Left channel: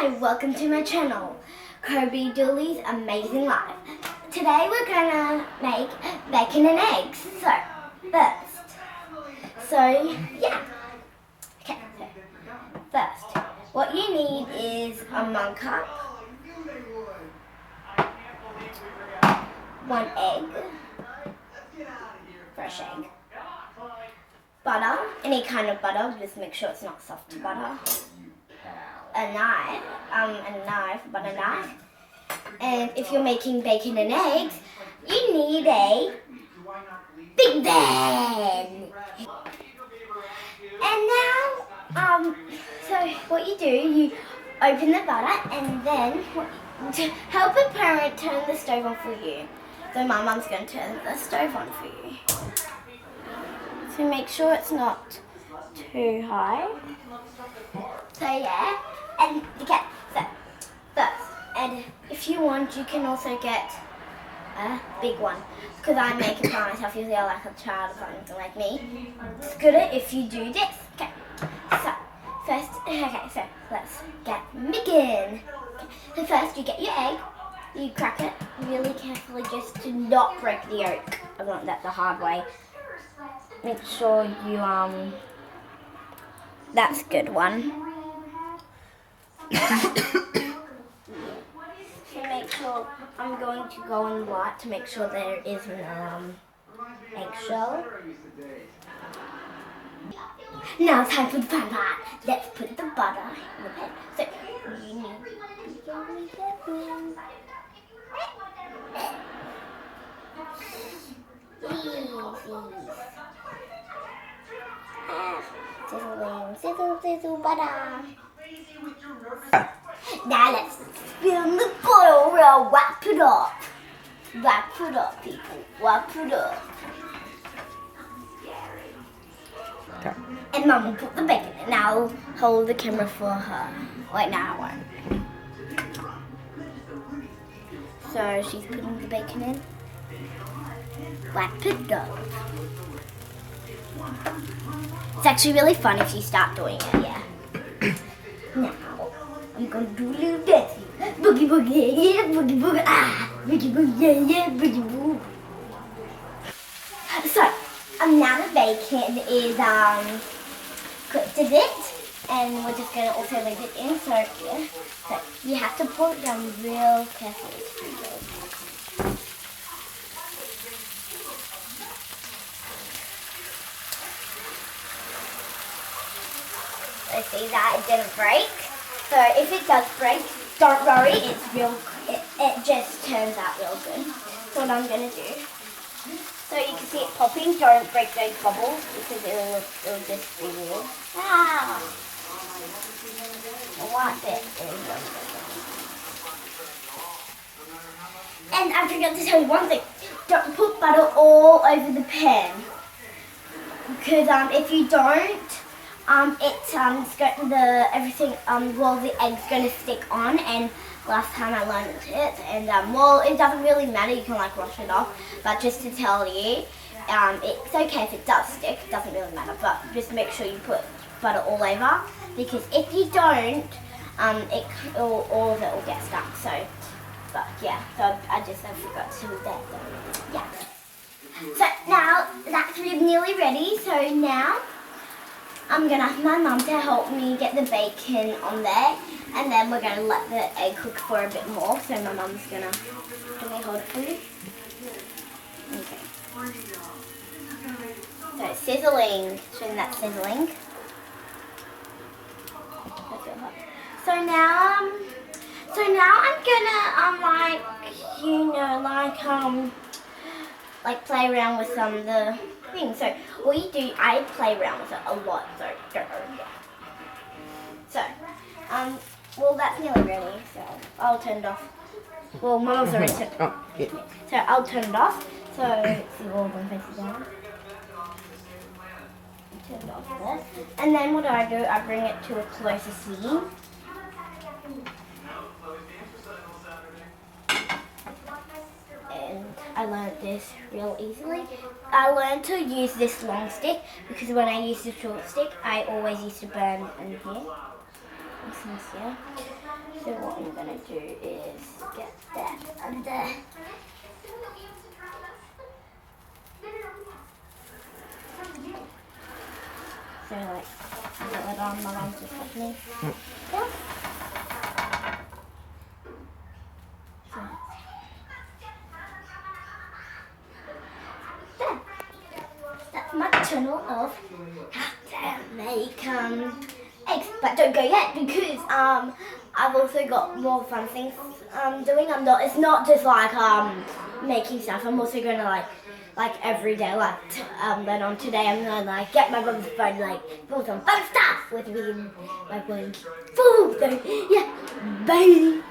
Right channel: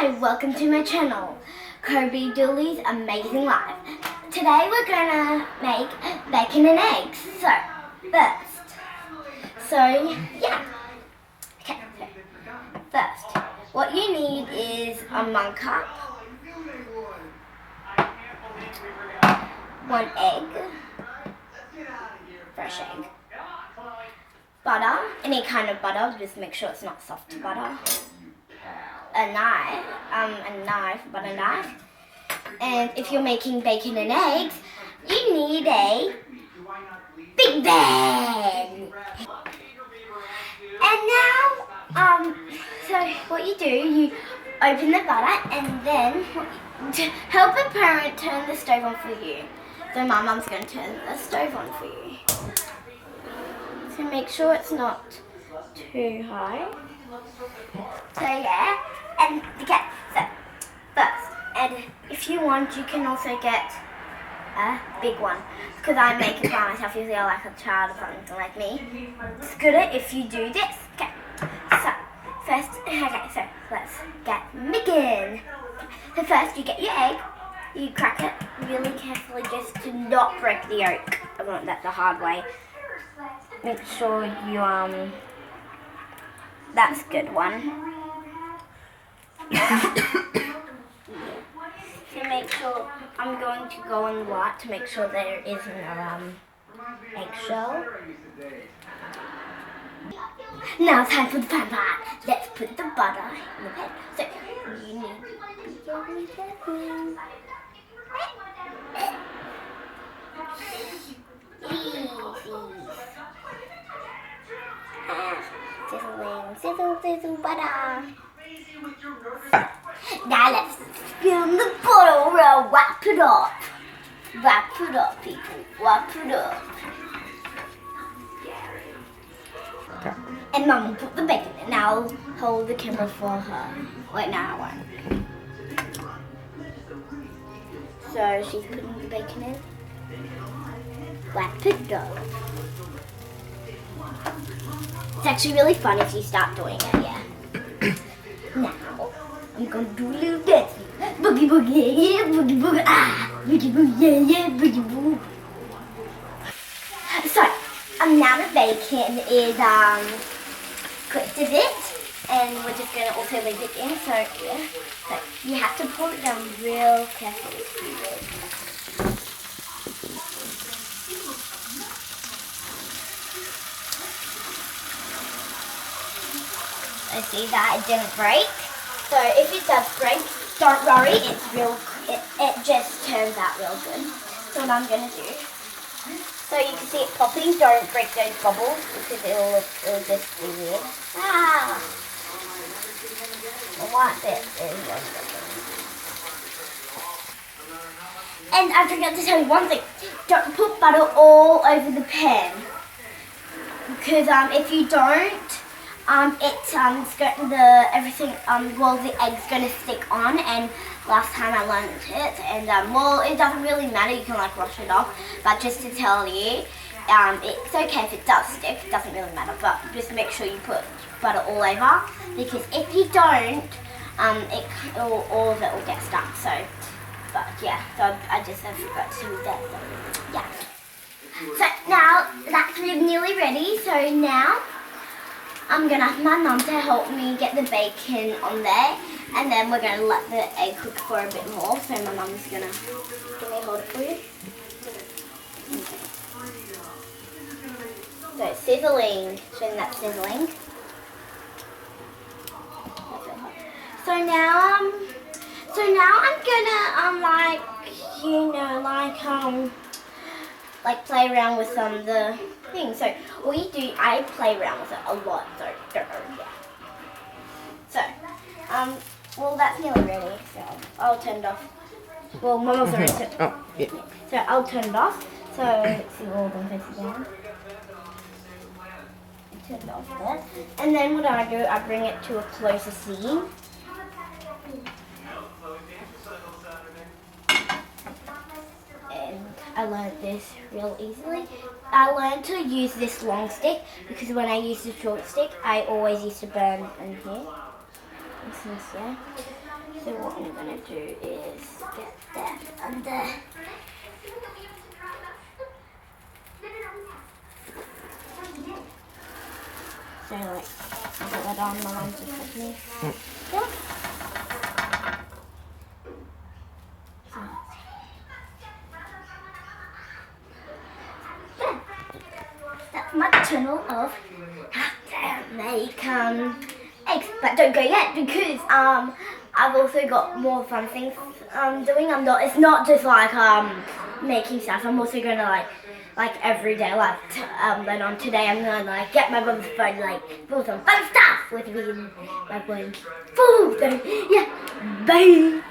Hi, welcome to my channel, Kirby Dooley's Amazing Life. Today we're gonna make bacon and eggs. First, what you need is a 1 cup, 1 egg, fresh egg, butter, any kind of butter, just make sure it's not soft butter, a butter knife, and if you're making bacon and eggs, you need a big pan. And now, so what you do, you open the butter and then to help a parent turn the stove on for you. So my mum's going to turn the stove on for you. So make sure it's not too high. So yeah, and okay, so first, and if you want, you can also get a big one. Because I make it by myself, usually I like a child or something like me. It's good if you do this. Okay, so first, so let's get begin. So first you get your egg, you crack it really carefully just to not break the yolk. I learned that the hard way. Make sure you, that's a good one. So make sure, I'm going to go in the light to make sure there is no eggshell. Now it's time for the fun part. Let's put the butter in the pan. So you need to be very careful. Sizzling, sizzle, sizzle butter. Now let's fill the bottle. Wrap it up. Wrap it up, people. Wrap it up. Okay. And Mum will put the bacon in. Now I'll hold the camera for her. Wait, now I won't. So she's putting the bacon in. Wrap it up. It's actually really fun if you start doing it, yeah. Now, I'm going to do a little dance. Boogie boogie, yeah, boogie boogie, ah. Boogie boogie, yeah, boogie boogie. So, now the bacon is cooked a bit, and we're just going to also leave it in. So, yeah. So, you have to pour it down real carefully. I see that it didn't break. So if it does break, don't worry, it just turns out real good. So what I'm gonna do, so you can see it popping, don't break those bubbles because it'll just be weird. Ah! The white bit is And I forgot to tell you one thing, don't put butter all over the pan. Because if you don't, the egg's gonna stick on, and last time I learned it, and it doesn't really matter, you can like wash it off, but just to tell you, it's okay if it does stick, it doesn't really matter, but just make sure you put butter all over, because if you don't, all of it will get stuck, so, but yeah, so I forgot to do that, so, yeah. So now, that's nearly ready, so now, I'm going to ask my mum to help me get the bacon on there, and then we're going to let the egg cook for a bit more. So my mum's going to, can I hold it for you? Okay. So sizzling, showing that sizzling. So now I'm gonna, like play around with some of the things. So what you do, I play around with it a lot. So yeah. So well that's nearly ready. So I'll turn it off. Well, Mama's already turned it off. Oh, yeah. So I'll turn it off. So let's see all of them faces down. Turn it off there. And then what I do, I bring it to a closer scene. I learned this real easily. I learned to use this long stick because when I used the short stick, I always used to burn in here. So what I'm gonna do is get that under. So like, put that on, my mum just helped me. Yeah. So, yeah. That's my channel of how to make eggs. But don't go yet because I've also got more fun things doing. It's not just like making stuff. I'm also gonna like every day, then on today I'm gonna like get my mum's phone, like do some fun stuff with me and my phone. Food. So yeah, bye.